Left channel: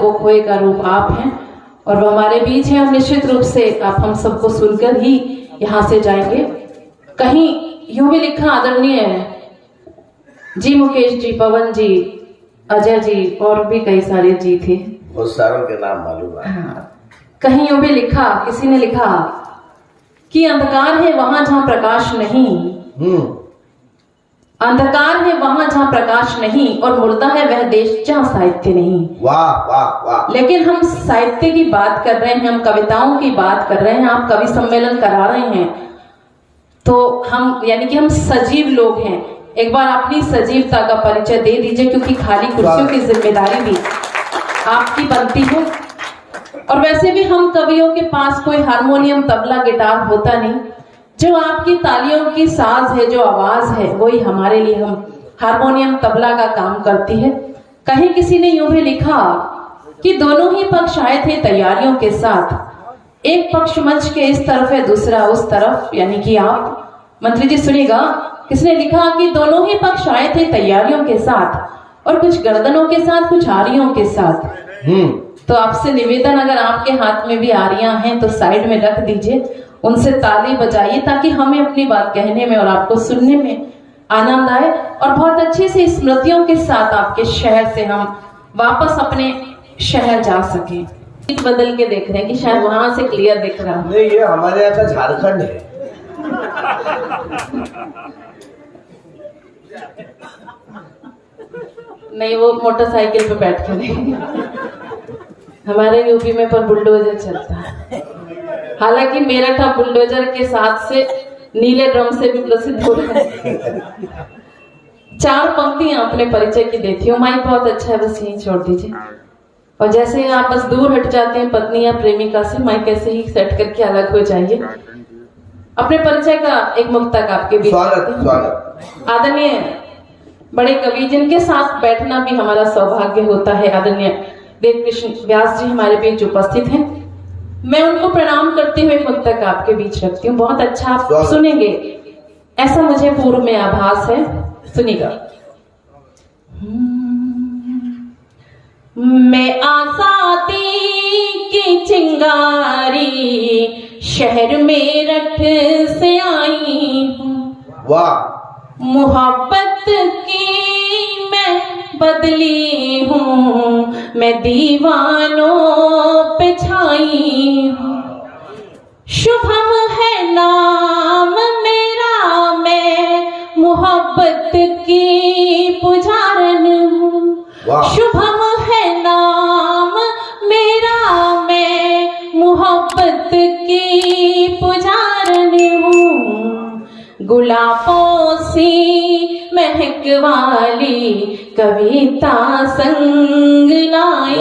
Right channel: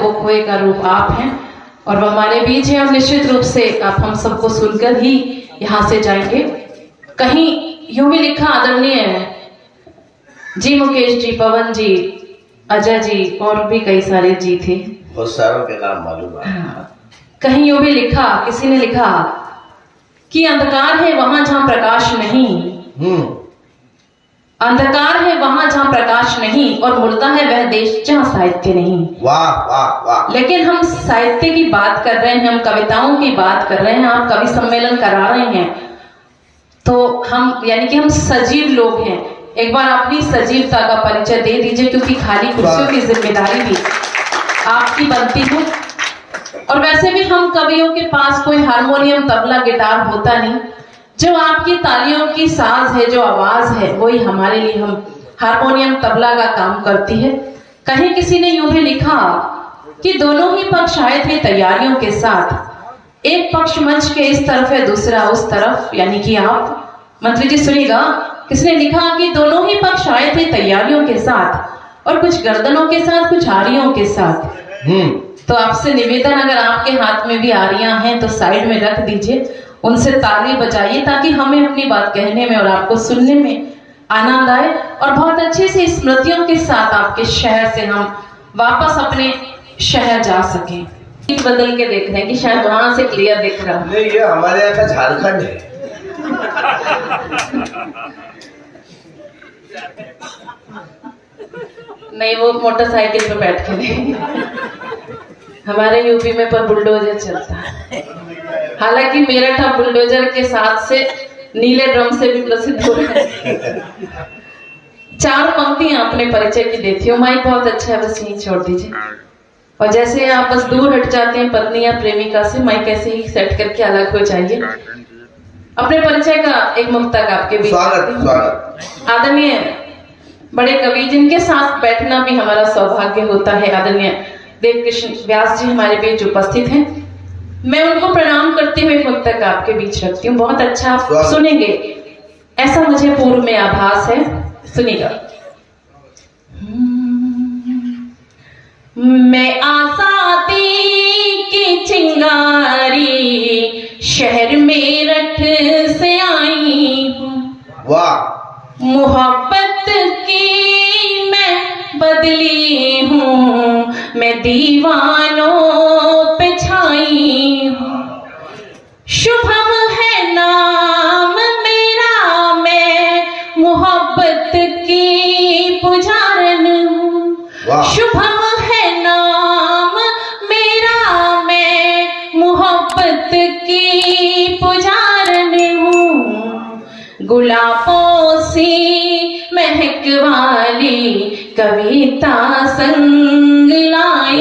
वो खोए का रूप आप हैं और वो हमारे बीच हैं और निश्चित रूप से आप हम सबको सुनकर ही यहाँ से जाएंगे। कहीं यूं भी लिखा आदरणीय जी मुकेश जी, पवन जी, अजय जी और भी कई सारे जी थे, बहुत सारों के नाम मालूम है। कहीं यूं भी लिखा, किसी ने लिखा कि अंधकार है वहां जहां प्रकाश नहीं, अंधकार है वहां जहां प्रकाश नहीं और मुर्दा है वह देश जहां साहित्य नहीं। वाह वाह वाह। लेकिन हम साहित्य की बात कर रहे हैं, हम कविताओं की बात कर रहे हैं, आप कवि सम्मेलन करा रहे हैं, तो हम यानी कि हम सजीव लोग हैं। एक बार अपनी सजीवता का परिचय दे दीजिए, क्योंकि खाली कुर्सियों की जिम्मेदारी भी आपकी बनती है। और वैसे भी हम कवियों के पास कोई हारमोनियम, तबला, गिटार होता नहीं। जो आपकी तालियों की साज है, जो आवाज है, वही हमारे लिए हम हारमोनियम, तबला का काम करती है। कहीं किसी ने यूं भी लिखा कि दोनों ही पक्ष आए थे तैयारियों के साथ, एक पक्ष मंच के इस तरफ है, दूसरा उस तरफ, यानी कि आप। मंत्री जी सुनिएगा, किसने लिखा कि दोनों ही पक्ष आए थे तैयारियों के साथ और कुछ गर्दनों के साथ, कुछ आरियों के साथ। तो आपसे निवेदन, अगर आपके हाथ में भी आरियां हैं तो साइड में रख दीजिए, उनसे ताली बजाइए ताकि हमें अपनी बात कहने में और आपको सुनने में आनंद आए और बहुत अच्छी सी स्मृतियों के साथ आपके शहर से हम वापस अपने शहर जा सकें। बदल के देख रहे हैं कि शायद वहां से क्लियर दिख रहा है। नहीं, ये हमारे यहाँ का झारखंड है। नहीं, वो मोटरसाइकिल पर बैठ के नहीं, हमारे यूपी में पर बुलडोजर चलता है। हालांकि मेरठ बुलडोजर के साथ से नीले ड्रम से भी प्रसिद्ध हो है। 4 पंक्तियां अपने परिचय की देती हो। माइक बहुत अच्छा है, बस यहीं छोड़ दीजिए। और जैसे आप बस दूर हट जाते हैं पत्नी या प्रेमिका से, माइक ऐसे ही सेट करके अलग हो जाइए। अपने परिचय का एक मुक्तक आपके बीच। स्वागत। आदरणीय बड़े कवि जिनके साथ बैठना भी हमारा सौभाग्य होता है, आदरणीय देवकृष्ण व्यास जी हमारे बीच उपस्थित हैं। मैं उनको प्रणाम करते हुए मुक्तक आपके बीच रखती हूँ। बहुत अच्छा आप सुनेंगे ऐसा मुझे पूर्व में आभास है, सुनिएगा। मैं आजादी की चिंगारी शहर मेरठ से आई हूँ, वाह। मोहब्बत की मैं बदली हूँ, मैं दीवानों पे छाई हूँ। शुभम है नाम मेरा, मैं मोहब्बत की पुजारन हूँ। शुभम है नाम मेरा, मैं मोहब्बत की पुजारन हूँ। गुलाबों सी महक वाली कविता संग लाई,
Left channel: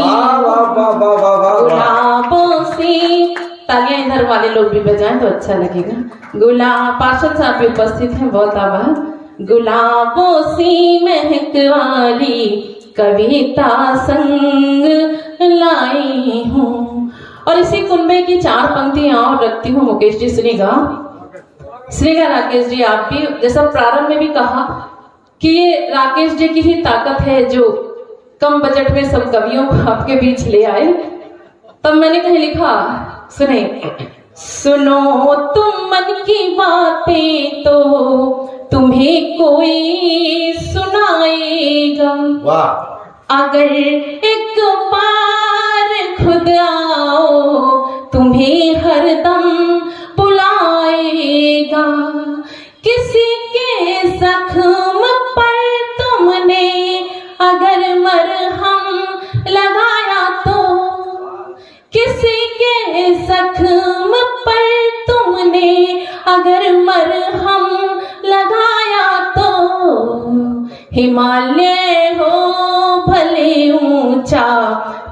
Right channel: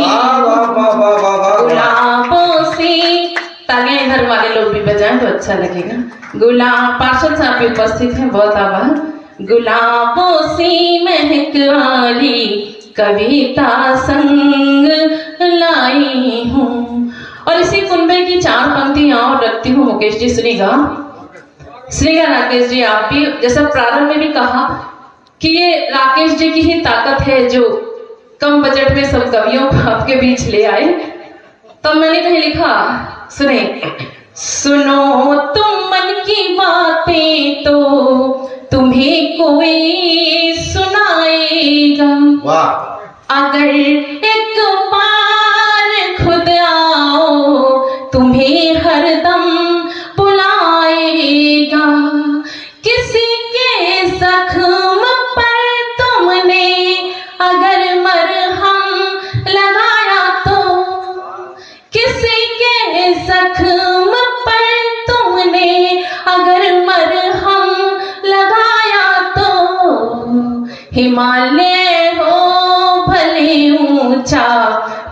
गुलाबों सी। तालियां इधर वाले लोग भी बजाएं तो अच्छा लगेगा। गुलाब पार्षद साहब भी उपस्थित हैं, बहुत आभार। गुलाबों सी महक वाली कविता संग लाई हूँ। और इसी कुनबे की 4 पंक्तियां और रखती हूँ। मुकेश जी सुनिएगा, सुनिएगा राकेश जी। आप भी जैसा प्रारंभ में भी कहा कि ये राकेश जी की ही ताकत है जो कम बजट में सब कवियों को आपके बीच ले आए। तब मैंने कहीं लिखा, सुने, सुनो तुम मन की बातें तो तुम्हें कोई सुनाएगा। अगर एक बार खुद आओ तुम्हें हरदम बुलाएगा। किसी के जख्म पर तुमने अगर मरहम लगाया तो, किसी के जख्म पर तुमने अगर मरहम लगाया तो, हिमालय हो भले ऊंचा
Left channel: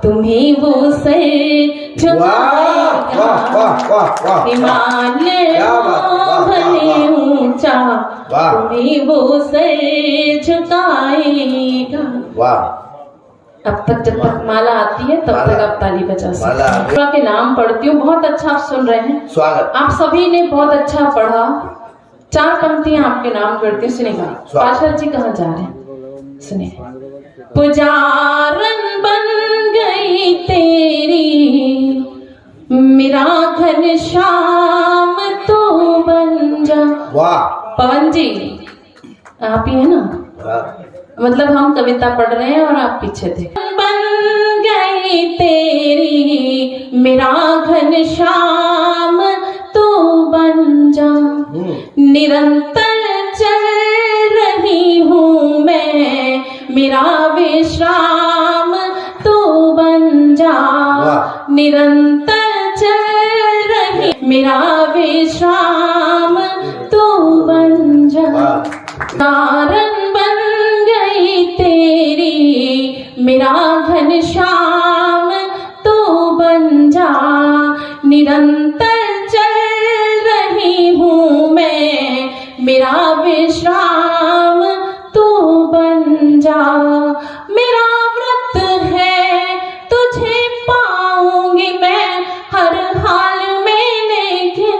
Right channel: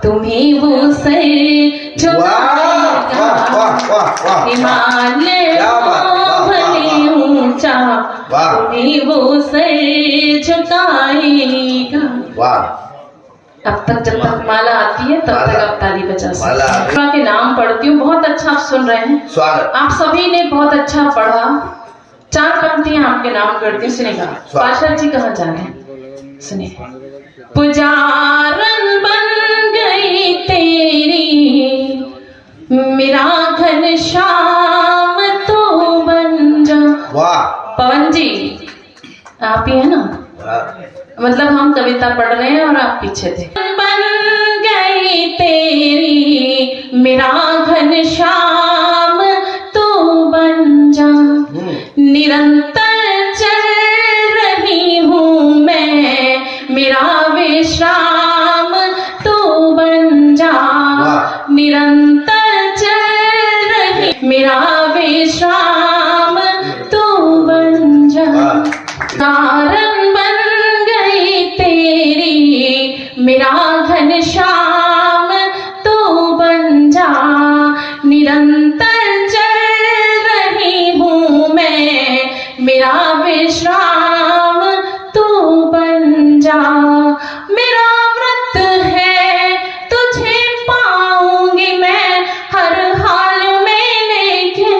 तुम्हें वो सर झुकाएगा। हिमालय हो भले ऊंचा तुम्हें वो सर झुकाएगा। अब तक जब तक माला आती है तब तक आप ताली बजा सकते हैं। के नाम पढ़ती हूँ, बहुत अच्छा आप सुन रहे हैं। स्वागत। आप सभी ने बहुत अच्छा पढ़ा। 4 पंक्तियां आपके नाम करती हूँ, सुनेगा। पार्षद जी कहाँ जा रहे हैं, सुनिए। पुजारन बन गई वाह पवन जी आप ही है ना, वाह। मतलब हम कविता पढ़ रहे हैं और आप पीछे थे। बन गई तेरी मेरा घनश्याम तू बन जा, निरंतर चल रही हूँ मैं मेरा विश्राम तू बन जा, निरंतर चल रही मेरा विश्राम तू बन जा, कारण बन गई तेरी मेरा घनश्याम तू बन जा, निरंतर चल रही हूँ मैं मेरा विश्राम तू बन जा, मेरा व्रत है तुझे पाऊंगी मैं हर हाल में, लेकिन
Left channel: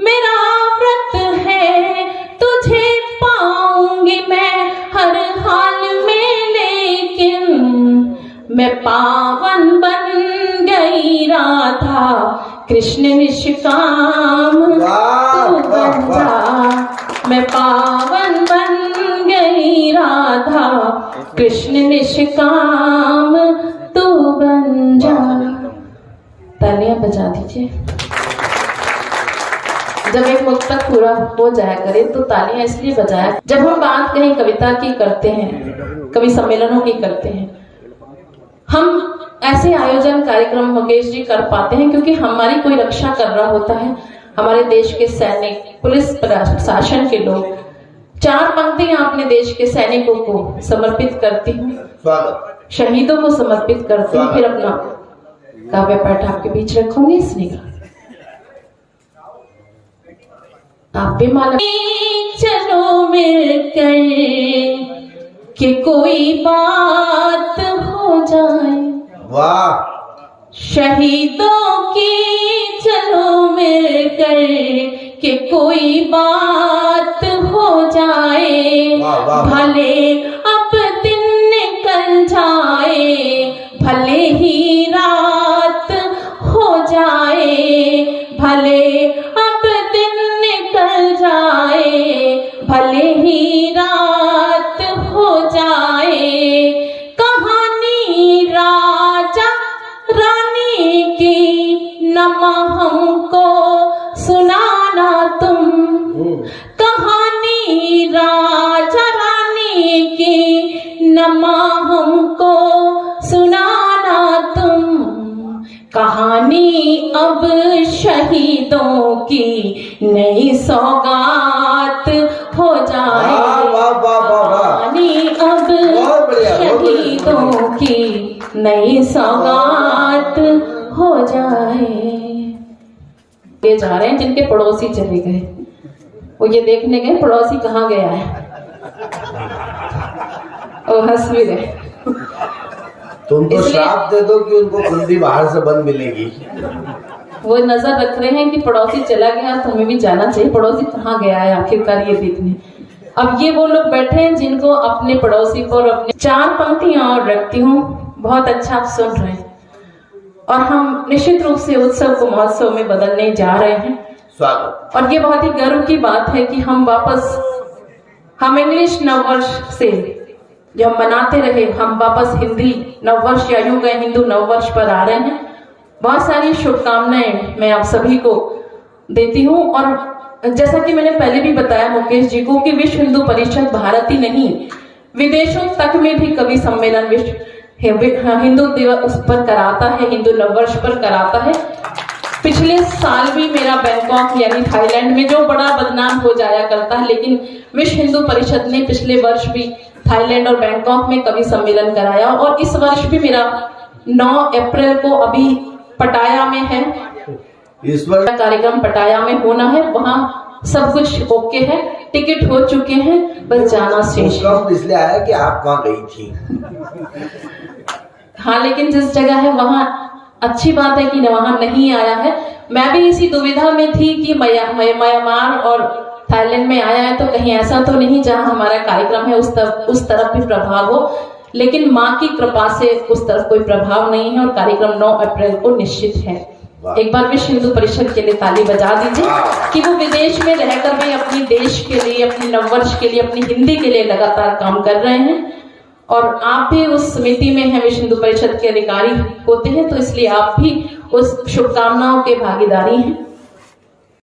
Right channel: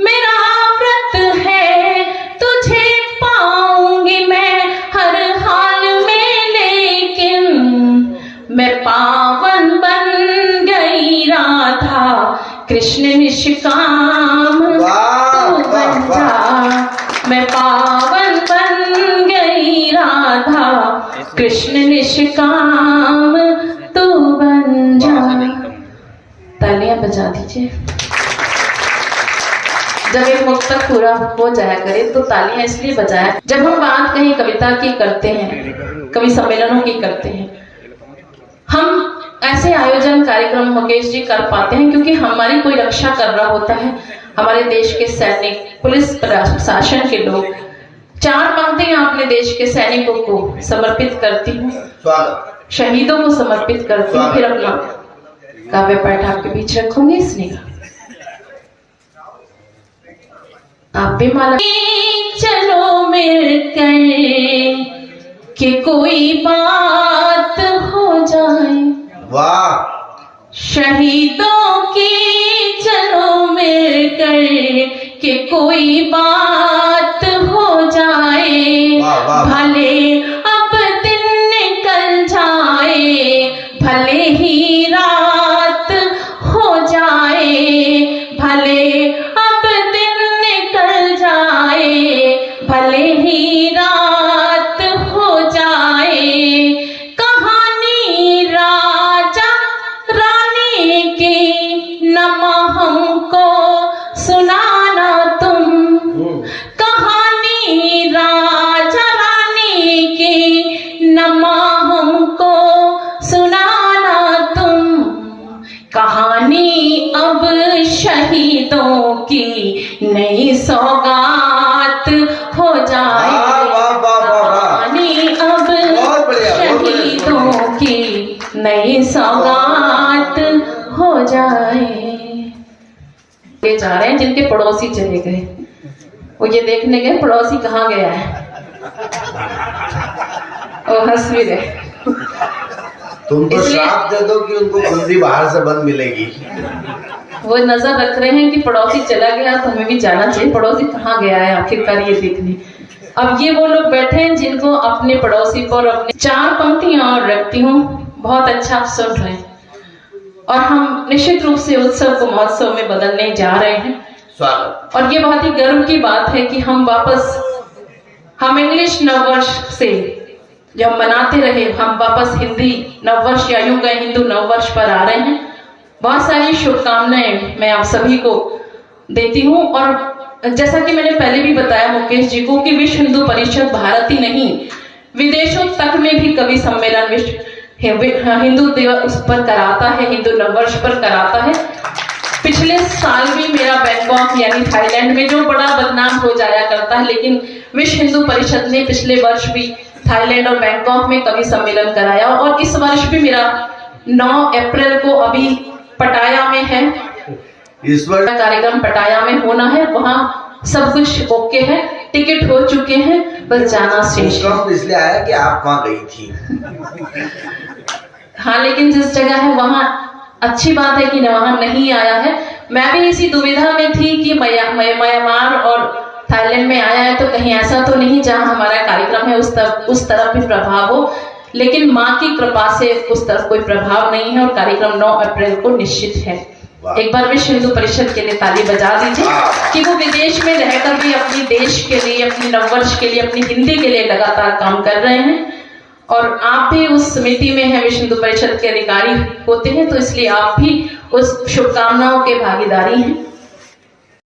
मेरा व्रत है तुझे पाऊंगी मैं हर हाल में, लेकिन मैं पावन बन गई राधा कृष्ण निष्काम तू बन जा, मैं पावन बन गई राधा कृष्ण निष्काम तू बन जा। तालियां बजा दीजिए। जब एक मुक्तक पूरा हो जाया करे तो तालियां इसलिए बजाया, जब हम बात कहीं कविता की करते हैं, कवि सम्मेलनों की करते हैं, हम ऐसे आयोजन कार्यक्रम मुकेश जी कर पाते हैं क्योंकि हमारी कोई रक्षा कर रहा होता है, हमारे देश के सैनिक, पुलिस प्रशासन के लोग। चार पंक्तियां अपने देश के सैनिकों को समर्पित करती हूँ, शहीदों को समर्पित करती हूँ, फिर अपना काव्य पाठ आपके बीच रखूंगी, इसलिए आप भी माला। चलो मिलकर कि कोई बात हो जाए, वाह शहीदों की चलो मिलकर कि कोई बात हो जाए, भले अब दिन निकल जाए भले ही रात हो जाए, भले अब दिन निकल जाए भले ही रात हो जाए, कहानी राजा रानी की नमा हमको सुनाना तुम, कहानी राजा रानी की नमा हमको सुनाना तुम, कहानी अब शहीदों की नई सौगात हो जाए, कहानी अब शहीदों की नई सौगात हो जाए। ये जा रहे हैं जिनके पड़ोसी चले गए, वो ये देखने गए पड़ोसी कहाँ गया है, और हंस भी रहे। तुम तो श्राप दे दो कि उनको कुंडी बाहर से बंद मिलेगी। वो नजर रख रहे हैं कि पड़ोसी चला गया तो हमें भी जाना चाहिए, पड़ोसी कहाँ गया है आखिरकार ये देखने। अब ये वो लोग बैठे हैं जिनको अपने पड़ोसी पर अपने चार पंक्तियां और रखती हूँ, बहुत अच्छा आप सुन रहे हैं, और हम निश्चित रूप से उत्सव को महोत्सव में बदलने जा रहे हैं। स्वागत। और ये बहुत ही गर्व की बात है कि हम इंग्लिश नववर्ष से जो हम मनाते रहे, हम वापस हिंदी नववर्ष या यूं गए हिंदू नववर्ष पर आ रहे हैं। बहुत सारी शुभकामनाएं मैं आप सभी को देती हूँ। और जैसा कि मैंने पहले भी बताया मुकेश जी को कि विश्व हिंदू परिषद भारत ही नहीं, विदेशों तक में भी कवि सम्मेलन विश्व हिंदू दिवस पर कराता है, हिंदू नववर्ष पर कराता है। पिछले साल भी मेरा बैंकॉक यानी थाईलैंड में जो बड़ा बदनाम हो जाया करता है, लेकिन विश्व हिंदू परिषद ने पिछले वर्ष भी थाईलैंड और बैंकॉक में कवि सम्मेलन कराया, और इस वर्ष भी मेरा 9 अप्रैल को अभी पटाया में है, इस वर्ष कार्यक्रम पटाया में होना है। वहाँ सब कुछ ओके है, टिकट हो चुके हैं, बस जाना शेष है। इसलिए आया कि आप वहाँ गई थी। हाँ, लेकिन जिस जगह है वहाँ अच्छी बात है कि वहाँ नहीं आया है। मैं भी इसी दुविधा में थी कि म्यांमार और थाईलैंड में आया है तो कहीं ऐसा तो नहीं जहाँ हमारा कार्यक्रम है उस तरफ भी प्रभाव हो, लेकिन माँ की कृपा से उस तरफ कोई प्रभाव नहीं है और कार्यक्रम 9 अप्रैल को निश्चित है। वाह। एक बार विश्व हिंदू परिषद के लिए ताली बजा दीजिए वाह। कि वो विदेश में रहकर भी अपनी देश के लिए, अपने नववर्ष के लिए, अपनी हिंदी के लिए लगातार काम कर रहे हैं। और आप भी उस समिति में हैं, विश्व हिंदू परिषद के अधिकारी होते हैं, तो इसलिए आप भी उस शुभकामनाओं के भागीदारी हैं।